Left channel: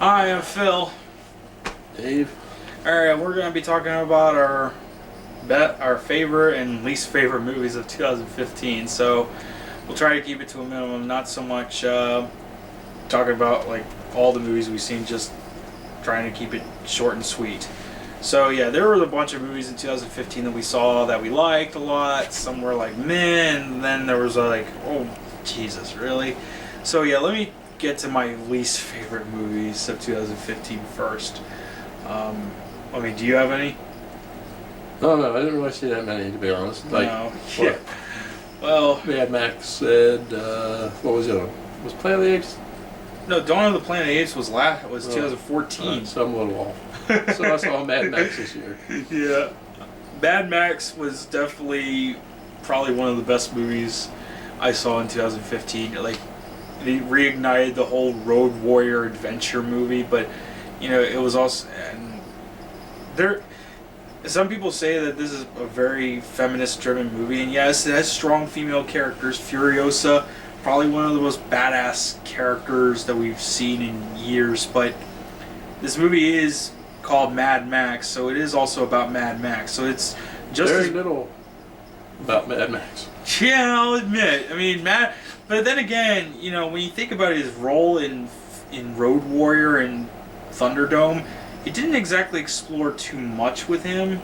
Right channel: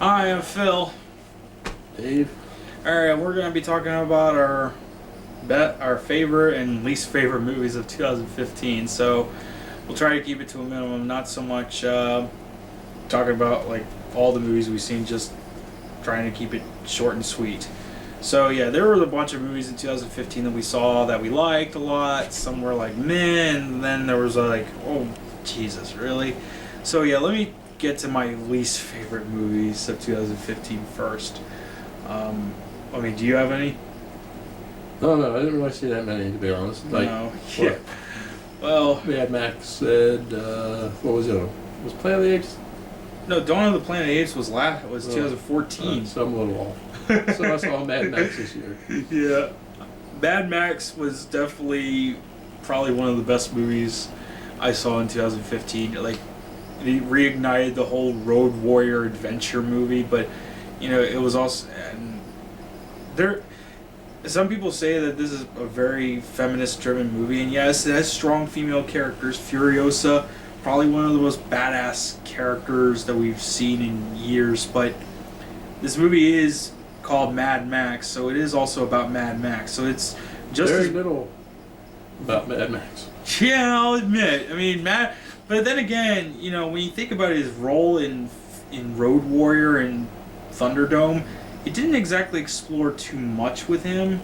Hi, I'm Phil. Dave. Alright, we're going to be talking about our favorite and least favorite movies of 2015. So we'll try to keep it to a minimum, not so much talking about like all the movies we've seen, just trying to keep it short and sweet. So yeah, there were a bunch of movies in 2015 that we saw that we liked a lot. Some were like, man, and then there was like, oh, Jesus, really? So yeah, let me get to my least favorite movies of 2015 first. Do you have any? No, I didn't really see that many, to be honest. No. Yeah. Well, Mad Max said, what was it? Was Planet of the Apes? no, Dawn of the Planet of the Apes was 2014. So I'm a little off. So I saw Mad Max this year. Yeah. Mad Max was definitely probably one of the best movies I saw in 2015. Like, it reignited the whole Road Warrior adventure movie, but it was also, and there, some people say that this is a very feminist driven movie, and yes, it has strong female characters. Furiosa, probably one of the most badass characters that we've seen in years, but this movie is called Mad Max, so it is also about Mad Max. So it's just very little about Mad Max. Yeah, I'll admit. I mean, but then again, when you think about his role in Road Warrior and Thunderdome, it didn't exactly explore too much with him.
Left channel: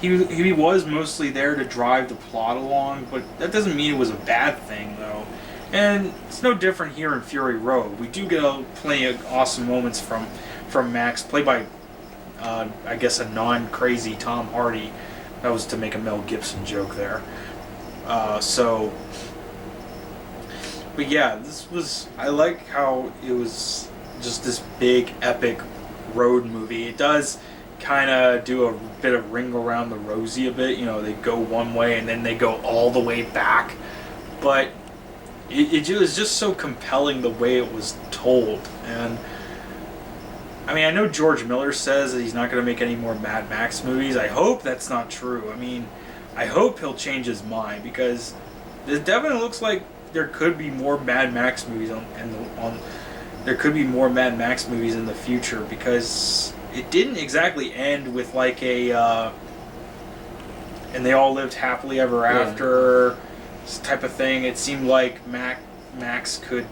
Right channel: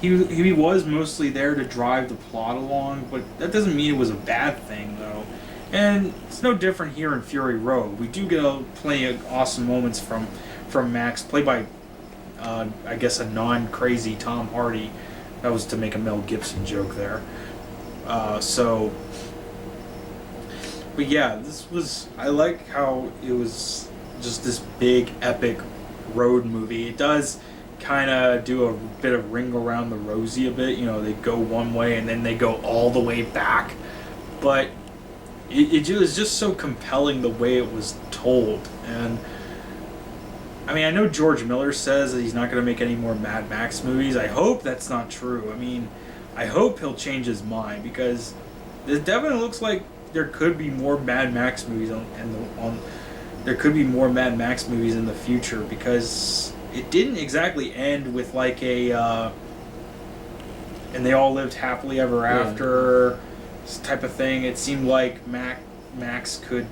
He was mostly there to drive the plot along, but that doesn't mean it was a bad thing, though. And it's no different here in Fury Road. We do get plenty of awesome moments from Max, played by, I guess, a non-crazy Tom Hardy. That was to make a Mel Gibson joke there. But yeah, I like how it was just this big, epic road movie. It does kind of do a bit of Ring Around the Rosie a bit. They go one way and then they go all the way back. But it was just so compelling the way it was told. And I mean, I know George Miller says that he's not going to make any more Mad Max movies. I hope that's not true. I mean, I hope he'll change his mind, because it definitely looks like there could be more Mad Max movies there could be more Mad Max movies in the future, because it didn't exactly end with like and they all lived happily ever after type of thing. It seemed like Max could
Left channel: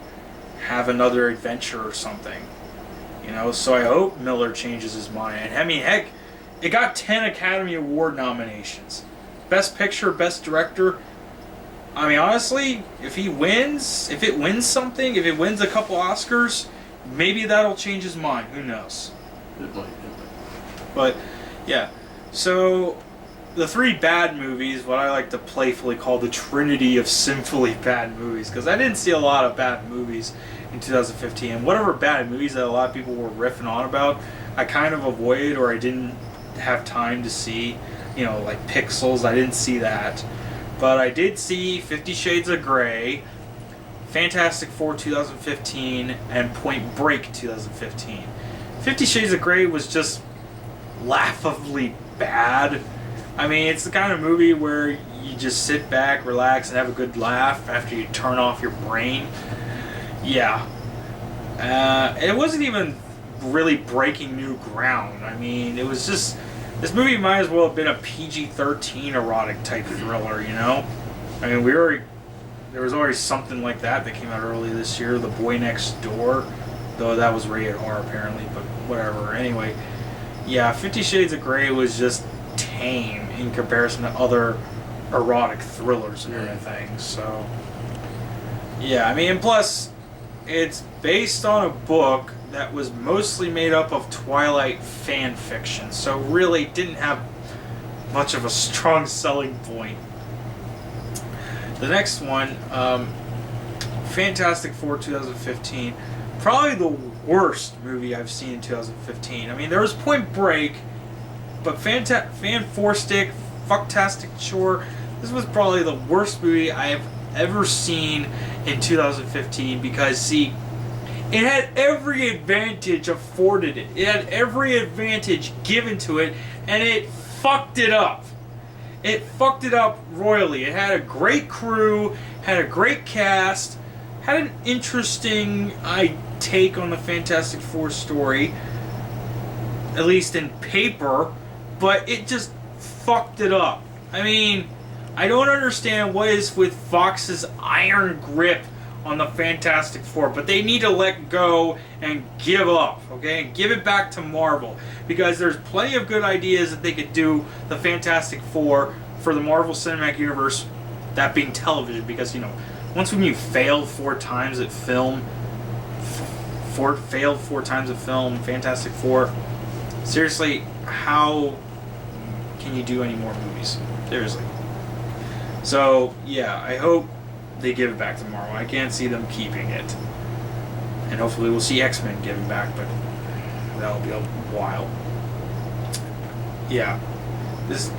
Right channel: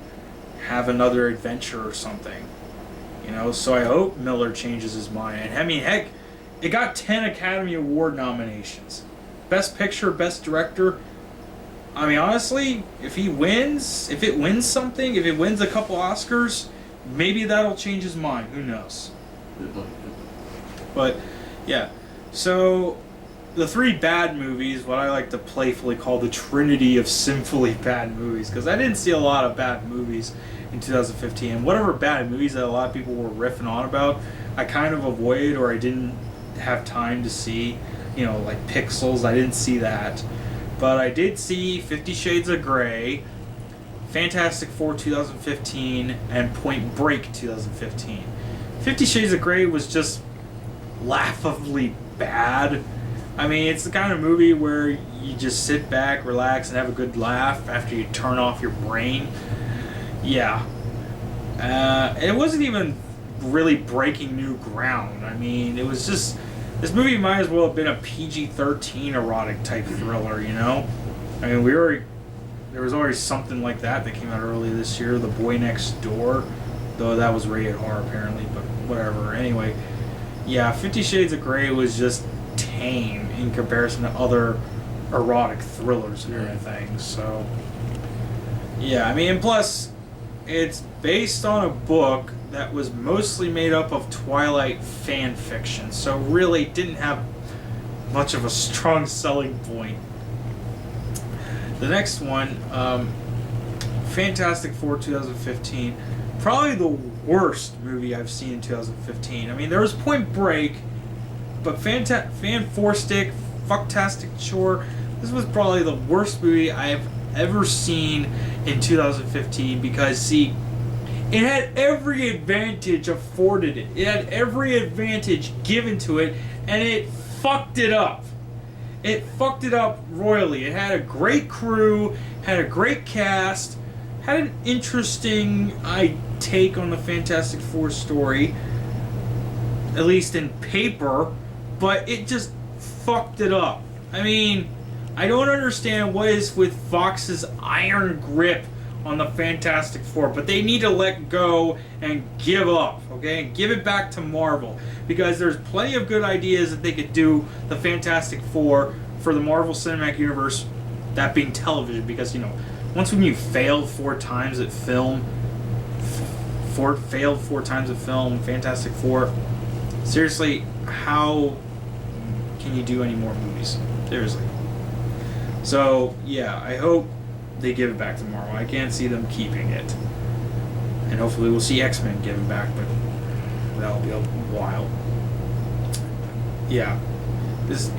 have another adventure or something. So I hope Miller changes his mind. And I mean, heck, it got 10 Academy Award nominations. Best Picture, Best Director. I mean, honestly, if it wins something, if it wins a couple Oscars, maybe that'll change his mind. Who knows? It might. But, yeah. So, the three bad movies, what I like to playfully call the trinity of sinfully bad movies, because I didn't see a lot of bad movies in 2015. And whatever bad movies that a lot of people were riffing on about, I kind of avoided, or I didn't have time to see. Like Pixels, I didn't see that. But I did see 50 Shades of Grey, Fantastic Four 2015, and Point Break 2015. 50 Shades of Grey was just laughably bad. I mean, it's the kind of movie where you just sit back, relax, and have a good laugh after you turn off your brain. Yeah. It wasn't even really breaking new ground. I mean, it was just... This movie might as well have been a PG-13 erotic type thriller, I mean, there was already something like that came out early this year, The Boy Next Door, though that was rated R apparently, but whatever. Anyway, yeah, 50 Shades of Grey was just tame in comparison to other erotic thrillers and everything, so... Yeah, I mean, and plus, it's based on a book that was mostly made up of Twilight fan fiction, so really didn't have much of a strong selling point. The next one, Fantastic Four 2015, probably the worst movie I've seen in 2015. I mean, there was Point Break, but Fan Four Stick, Fucktastic Shore, this was probably the worst movie I have ever seen in 2015, because, see, it had every advantage afforded it. It had every advantage given to it, and it fucked it up. It fucked it up royally. It had a great crew, had a great cast, had an interesting take on the Fantastic Four story, at least in paper, but it just fucked it up. I mean, I don't understand what is with Fox's iron grip on the Fantastic Four, but they need to let go and give up, okay? And give it back to Marvel, because there's plenty of good ideas that they could do the Fantastic Four for the Marvel Cinematic Universe, that being television, because, you know, once when you failed 4 times at film, failed 4 times at film, Fantastic Four, seriously, how can you do any more movies? Seriously. So, yeah, I hope they give it back to Marvel. I can't see them keeping it. And hopefully we'll see X-Men give it back, but that'll be a while. Yeah. This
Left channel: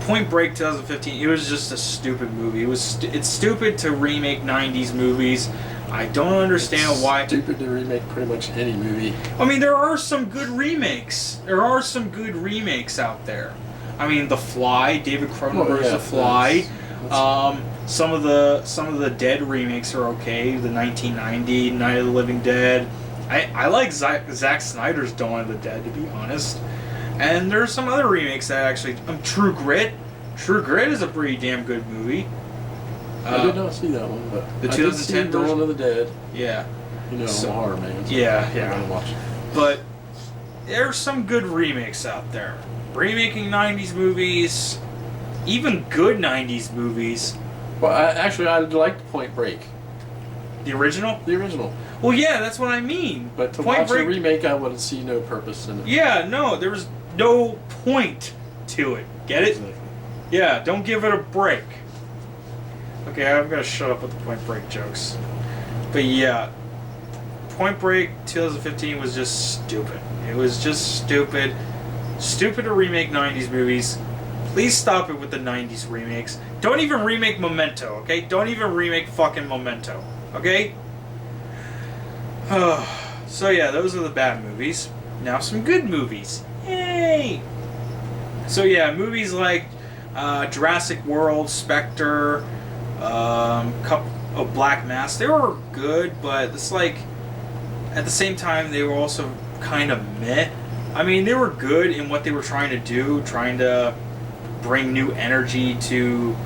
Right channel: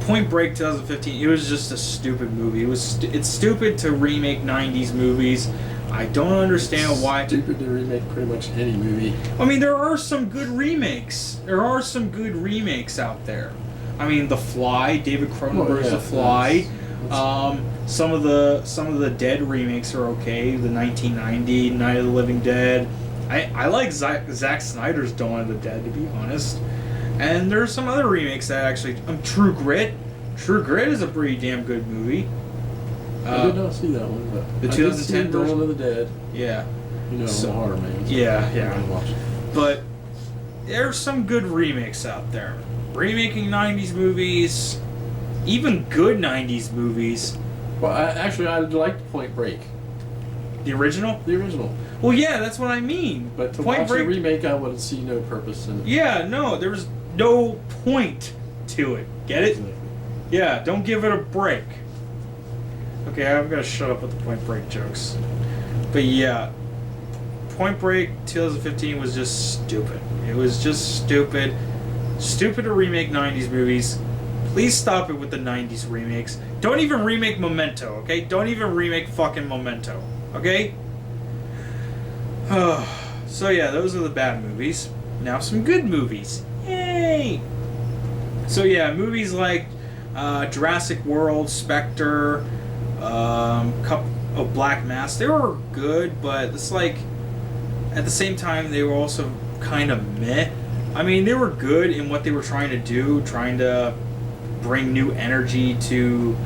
Point Break 2015, it was just a stupid movie. It's stupid to remake 90s movies. I don't understand why. It's stupid to remake pretty much any movie. I mean, there are some good remakes. There are some good remakes out there. I mean, The Fly, David Cronenberg's The Fly. Some of the Dead remakes are okay. The 1990 Night of the Living Dead. I like Zack Snyder's Dawn of the Dead, to be honest. And there's some other remakes that actually... True Grit. True Grit is a pretty damn good movie. I did not see that one, but the I 2010 did see Dawn of the Dead. Yeah. You know, I'm a horror man. So yeah. I'm gonna watch it. But there's some good remakes out there. Remaking 90s movies, even good 90s movies. Well, I liked Point Break. The original? The original. Well, yeah, that's what I mean. But to Point watch Break, the remake, I would see no purpose in it. Yeah, no, there was no point to it. Get it? Exactly. Yeah, don't give it a break. Okay, I'm gonna shut up with the Point Break jokes. But yeah, Point Break 2015 was just stupid. It was just stupid. Stupid to remake 90s movies. Please stop it with the 90s remakes. Don't even remake Memento, okay? Don't even remake fucking Memento, okay? So yeah, those are the bad movies. Now some good movies. Yay! So yeah, movies like Jurassic World, Spectre, Cup of Black Mass, they were good, but it's like, at the same time, they were also kind of meh. I mean, they were good in what they were trying to do, trying to bring new energy to,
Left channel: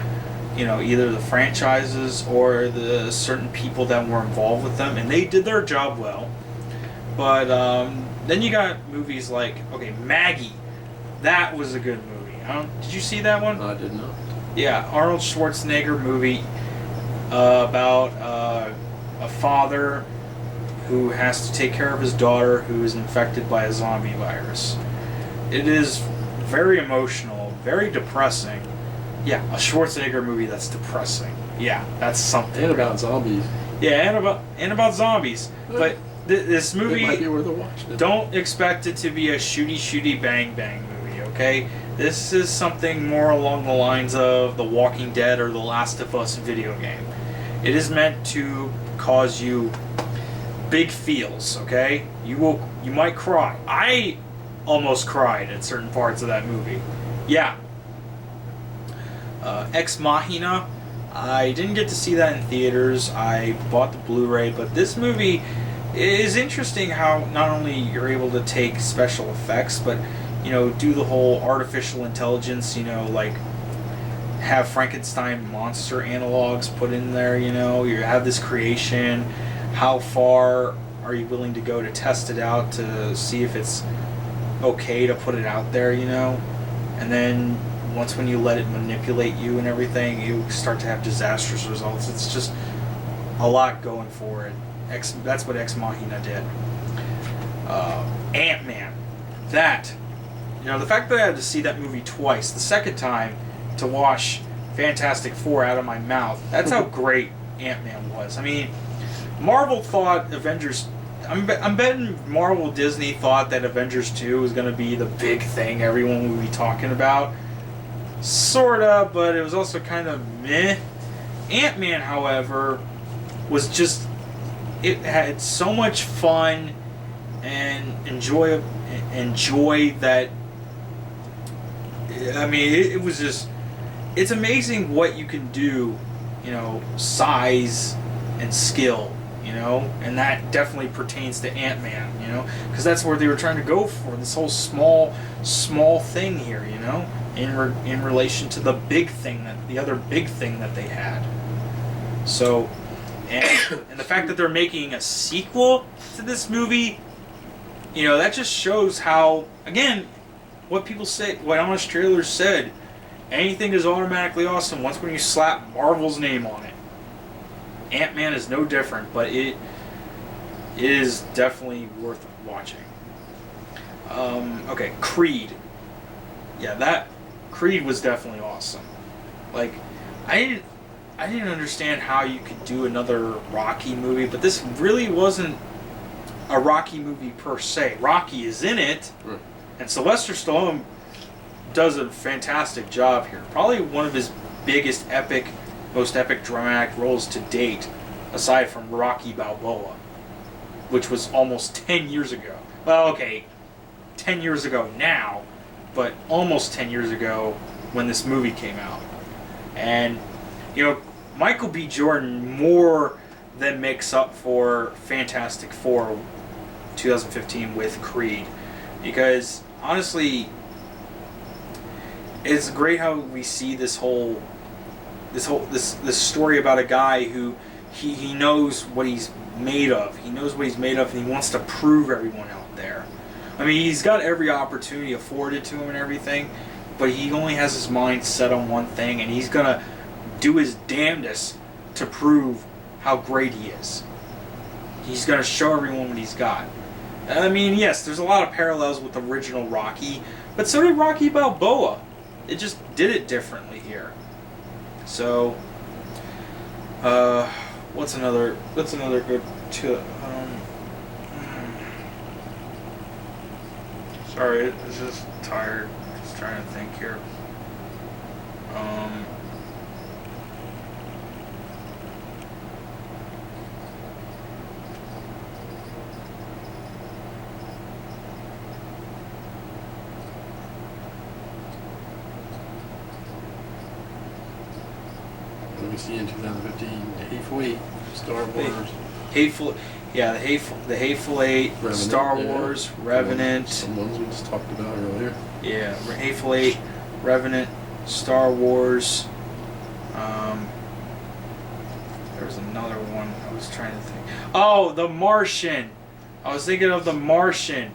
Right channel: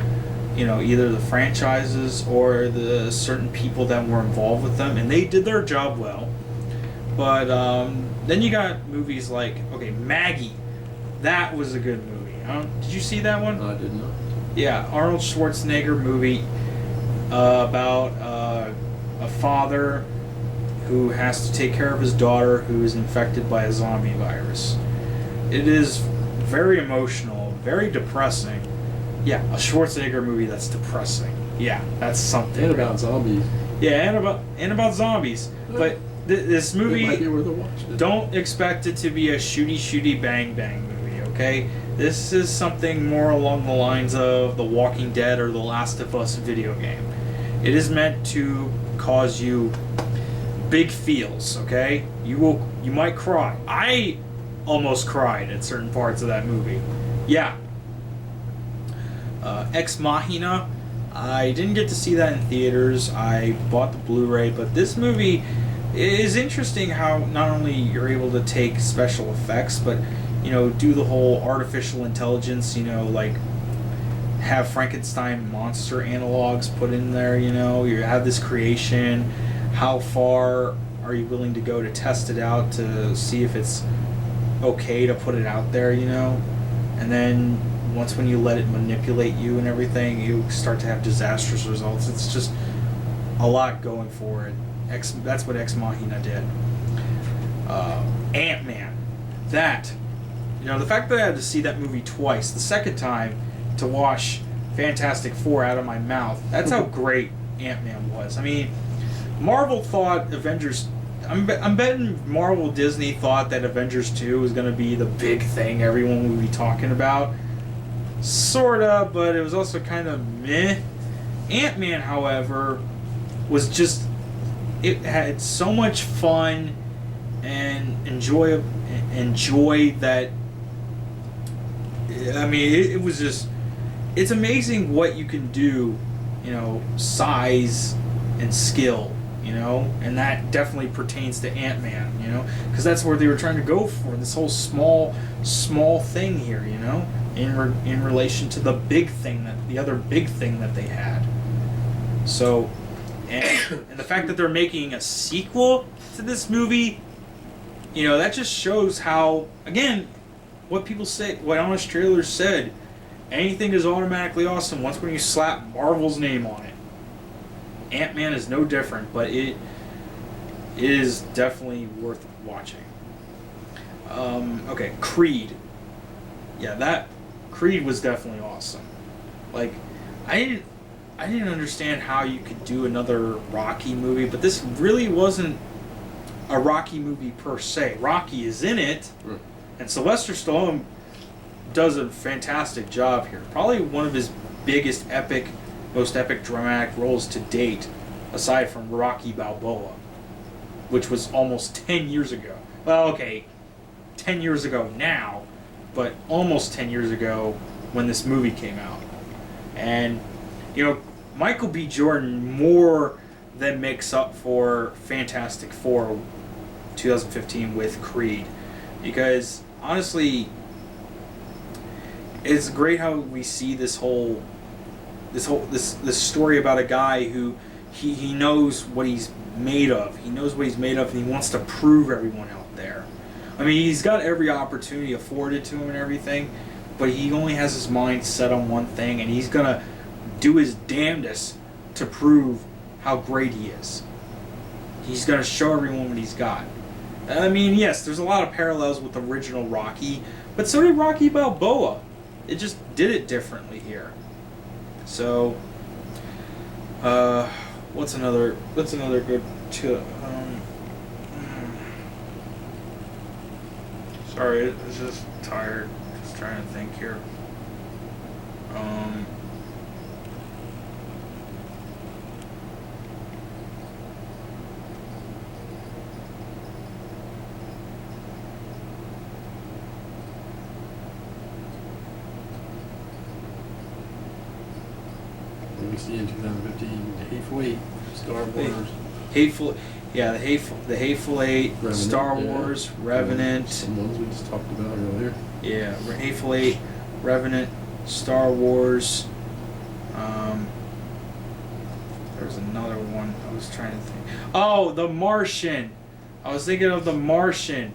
you know, either the franchises or the certain people that were involved with them, and they did their job well. But then you got movies like, okay, Maggie. That was a good movie. Did you see that one? I did not. Yeah, Arnold Schwarzenegger movie about a father who has to take care of his daughter who is infected by a zombie virus. It is very emotional, very depressing. Yeah, a Schwarzenegger movie that's depressing. Yeah, that's something. And about zombies. Yeah, and about zombies. But this movie, it might be worth a watch. don't expect it to be a shooty bang bang movie, okay? This is something more along the lines of The Walking Dead or The Last of Us video game. It is meant to cause you big feels, okay? You might cry. I almost cried at certain parts of that movie. Yeah. Ex Machina, I didn't get to see that in theaters. I bought the Blu-ray, but this movie is interesting how not only you're able to take special effects, but, you know, do the whole artificial intelligence, you know, like have Frankenstein monster analogs put in there, you know, you have this creation. How far are you willing to go to test it out to see if it's okay to put it out there, you know? And then once when you let it manipulate you and everything, you start to have disastrous results. It's just a lot going for it. That's what Ex Machina did. Ant-Man. That, you know, the fact that I had to see that movie twice, the second time to wash Fantastic Four out of my mouth, that's how great Ant-Man was. I mean, Marvel thought Avengers... I'm betting Marvel Disney thought that Avengers 2 was going to be the big thing everyone would be talking about. Sorta, but it was also kind of meh. Ant-Man, however, was just... It had so much fun and enjoy that... I mean, it was just... It's amazing what you can do, you know, size and skill, you know, and that definitely pertains to Ant-Man, you know, because that's where they were trying to go for this whole small thing here, you know, in relation to the big thing the other big thing that they had. So, and the fact that they're making a sequel to this movie, you know, that just shows how, again, what people say, what honest trailers said, anything is automatically awesome once when you slap Marvel's name on it. Ant-Man is no different, but it is definitely worth watching. Okay, Creed. Yeah, that Creed was definitely awesome. Like, I didn't understand how you could do another Rocky movie, but this really wasn't a Rocky movie per se. Rocky is in it, and Sylvester Stallone does a fantastic job here. Probably one of his biggest most epic dramatic roles to date, aside from Rocky Balboa, which was almost 10 years ago. Well, okay, 10 years ago now, but almost 10 years ago when this movie came out. And, you know, Michael B. Jordan more than makes up for Fantastic Four 2015 with Creed. Because, honestly, it's great how we see this story about a guy who he knows what he's made of. He knows what he's made of, and he wants to prove everyone out there. I mean, he's got every opportunity afforded to him and everything, but he only has his mind set on one thing, and he's gonna do his damnedest to prove how great he is. He's gonna show everyone what he's got. I mean, yes, there's a lot of parallels with the original Rocky, but so did Rocky Balboa. It just did it differently here. So, what's another good sorry, it's just tired. Just trying to think here. What we see in 2015, The Hateful Eight, Star Wars. The Hateful Eight, Revenant, Star Wars, Revenant. Some ones we just talked about earlier. Yeah, Hateful Eight, Revenant, Star Wars. There was another one I was trying to think. Oh, The Martian. I was thinking of The Martian.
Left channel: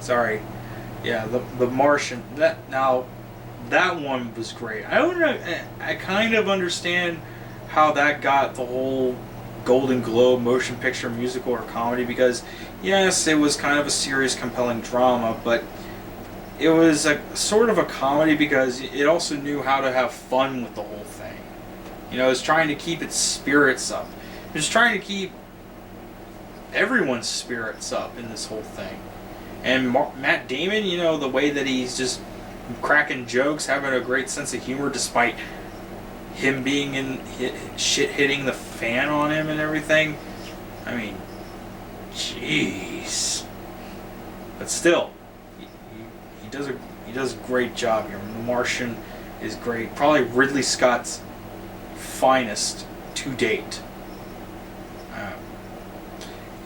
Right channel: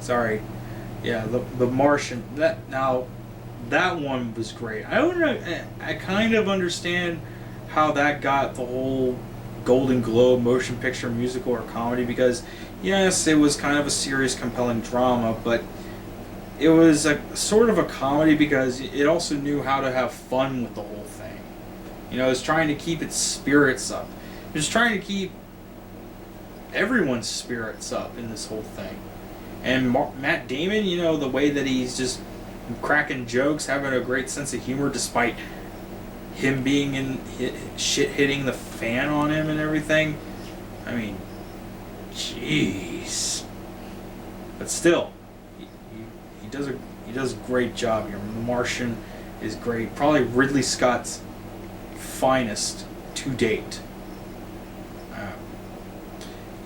Sorry. Yeah, the Martian. That one was great. I kind of understand how that got the whole Golden Globe motion picture, musical, or comedy, because yes, it was kind of a serious, compelling drama, but it was a sort of a comedy because it also knew how to have fun with the whole thing. You know, it was trying to keep its spirits up. It was trying to keep everyone's spirits up in this whole thing. And Matt Damon, you know, the way that he's just cracking jokes, having a great sense of humor despite him being shit hitting the fan on him and everything. I mean, jeez. But still, he does a great job here. The Martian is great. Probably Ridley Scott's finest to date.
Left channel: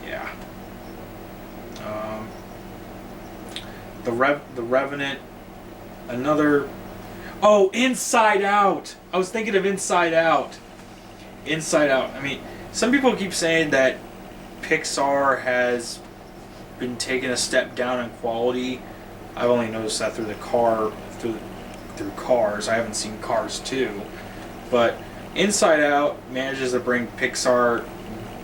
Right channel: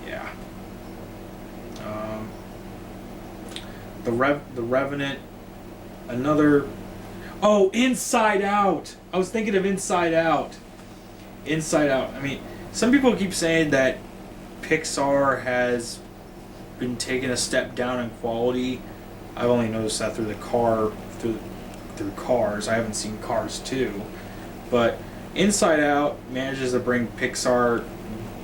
Yeah. The Revenant. Another. Oh, Inside Out! I was thinking of Inside Out. Inside Out. I mean, some people keep saying that Pixar has been taking a step down in quality. I've only noticed that through Cars. I haven't seen Cars 2. But Inside Out manages to bring Pixar,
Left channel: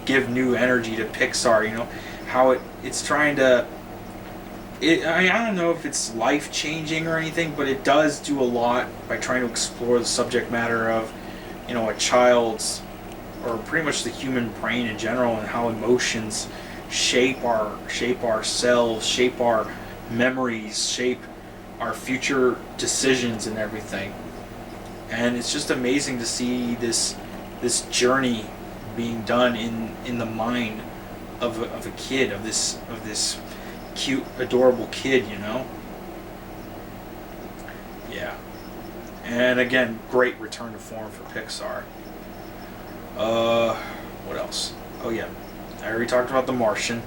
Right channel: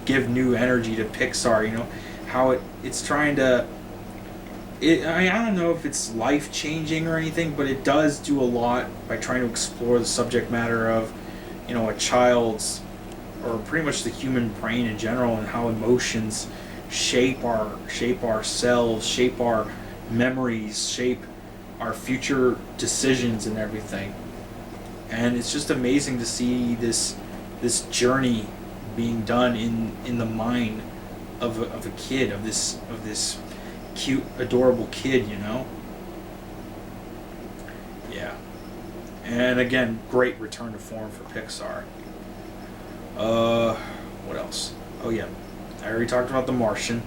give new energy to Pixar, you know, how it's trying to... I don't know if it's life-changing or anything, but it does do a lot by trying to explore the subject matter of, you know, a child's, or pretty much the human brain in general, and how emotions shape ourselves, shape our memories, shape our future decisions and everything. And it's just amazing to see this journey being done in the mind of a kid, of this cute, adorable kid, you know? Yeah. And again, great return to form for Pixar. What else? Oh yeah, I already talked about The Martian.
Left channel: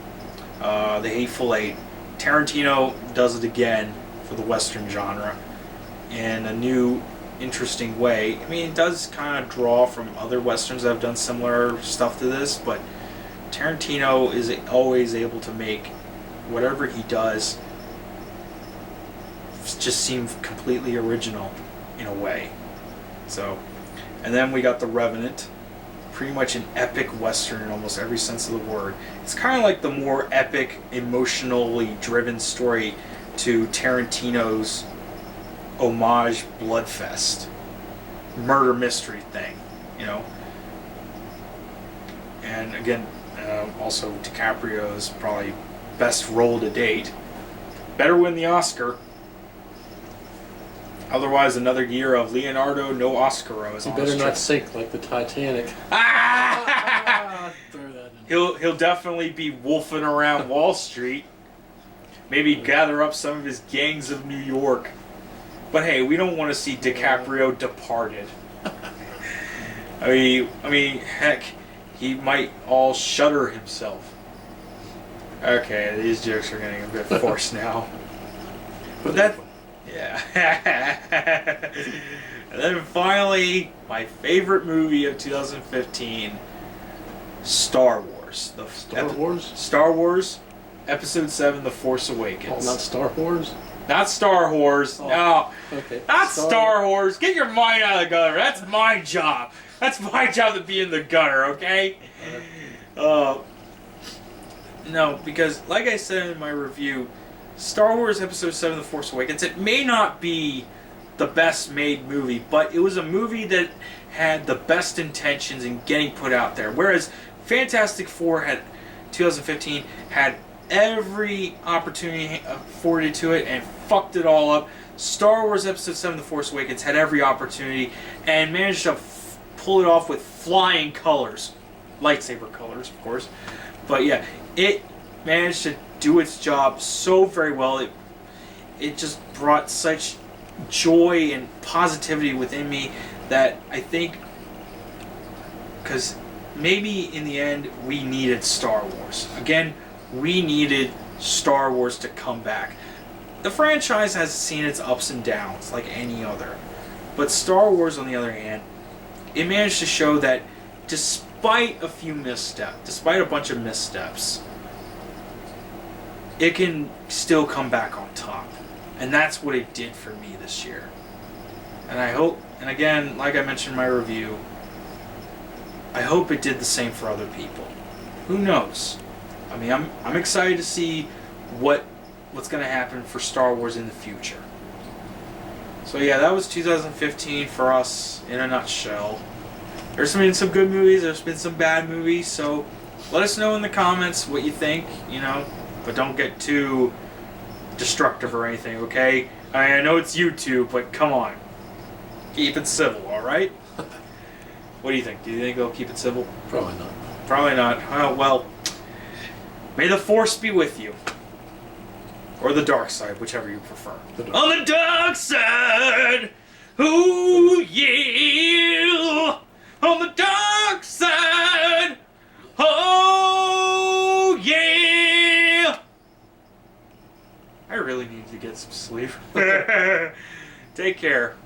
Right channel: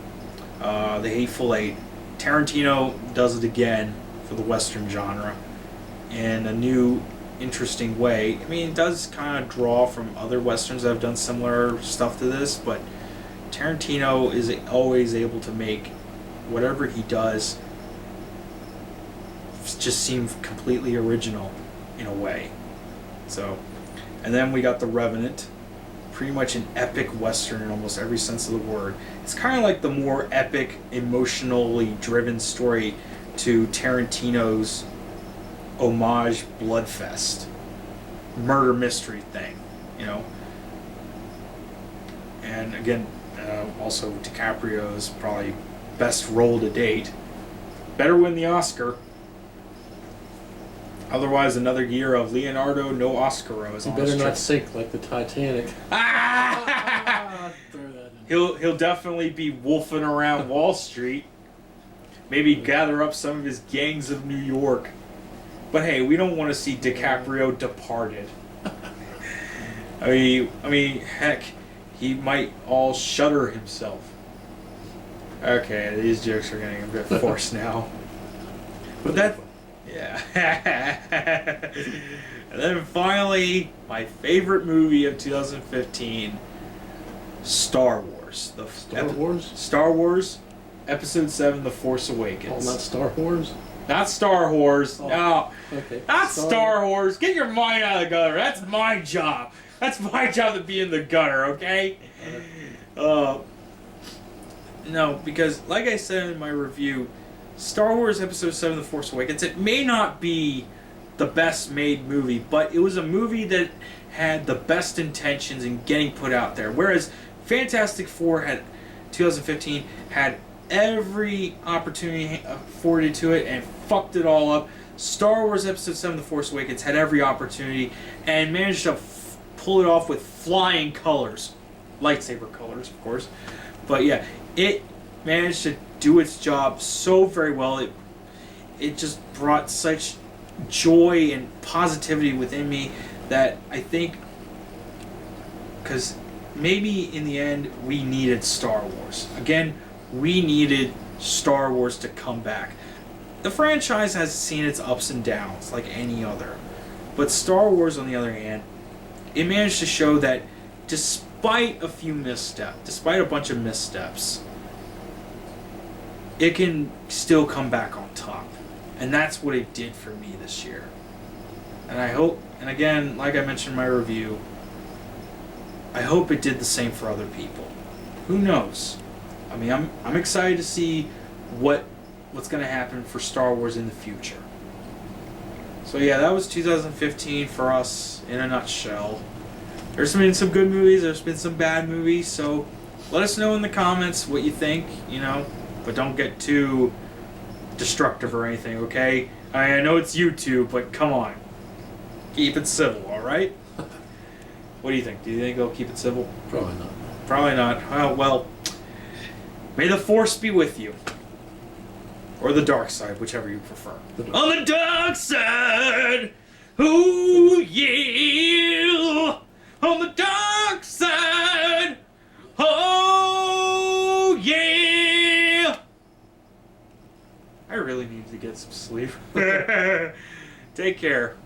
The Hateful Eight. Tarantino does it again for the Western genre in a new, interesting way. I mean, it does kind of draw from other Westerns that have done similar stuff to this, but Tarantino is always able to make whatever he does just seem completely original in a way. So, and then we got The Revenant, pretty much an epic Western in almost every sense of the word. It's kind of like the more epic, emotionally driven story to Tarantino's homage Bloodfest murder mystery thing, you know. And again, also DiCaprio's probably best role to date. Better win the Oscar. Otherwise, another year of Leonardo no Oscaros. You better not sink like the Titanic. Throw that in. He'll definitely be wolfing around Wall Street. Maybe gather up some of his gangs of New York. But hey, we don't want to see DiCaprio departed. I mean, heck, he might all shudder himself. Okay, these jokes are getting a bit forced now. But that, yeah. And then finally, my favorite movie of 2015, Star Wars. Star Wars, Episode 7, The Force Awakens. Oh, not Star Wars? Not Star Wars. Oh, no. Okay. Not Star Wars. Get your mind out of the gutter. That's my job. That's my job to be in the gutter, okay? No, because like I said in my review, Star Wars Episode 7, The Force Awakens, it may not be the best made movie, but it was a movie that had the best intentions in getting put out there. Whereas Fantastic Four 2015 had every opportunity afforded to it and fucked it all up. Star Wars Episode 7, The Force Awakens had every opportunity and managed to pull it off with flying colors. Lightsaber colors, of course. But yeah, it managed to do its job so very well. It just brought such joy and positivity within me that I think, because maybe in the end we needed Star Wars. Again, we needed Star Wars to come back. The franchise has seen its ups and downs like any other. But Star Wars, on the other hand, it managed to show that despite a few missteps, despite a bunch of missteps, it can still come back on top. And that's what it did for me this year. And I hope, and again, like I mentioned in my review, I hope it did the same for other people. Who knows? I mean, I'm excited to see what's going to happen for Star Wars in the future. So yeah, that was 2015 for us in a nutshell. There's been some good movies, there's been some bad movies, so let us know in the comments what you think, you know, but don't get too destructive or anything, okay? I know it's YouTube, but come on. Keep it civil, alright? What do you think? Do you think they'll keep it civil? Probably not. Probably not. Oh, well, may the Force be with you. Or the dark side, whichever you prefer. On the dark side! Ooh, yeah! On the dark side! Oh, yeah! I really need to get some sleep. Take care.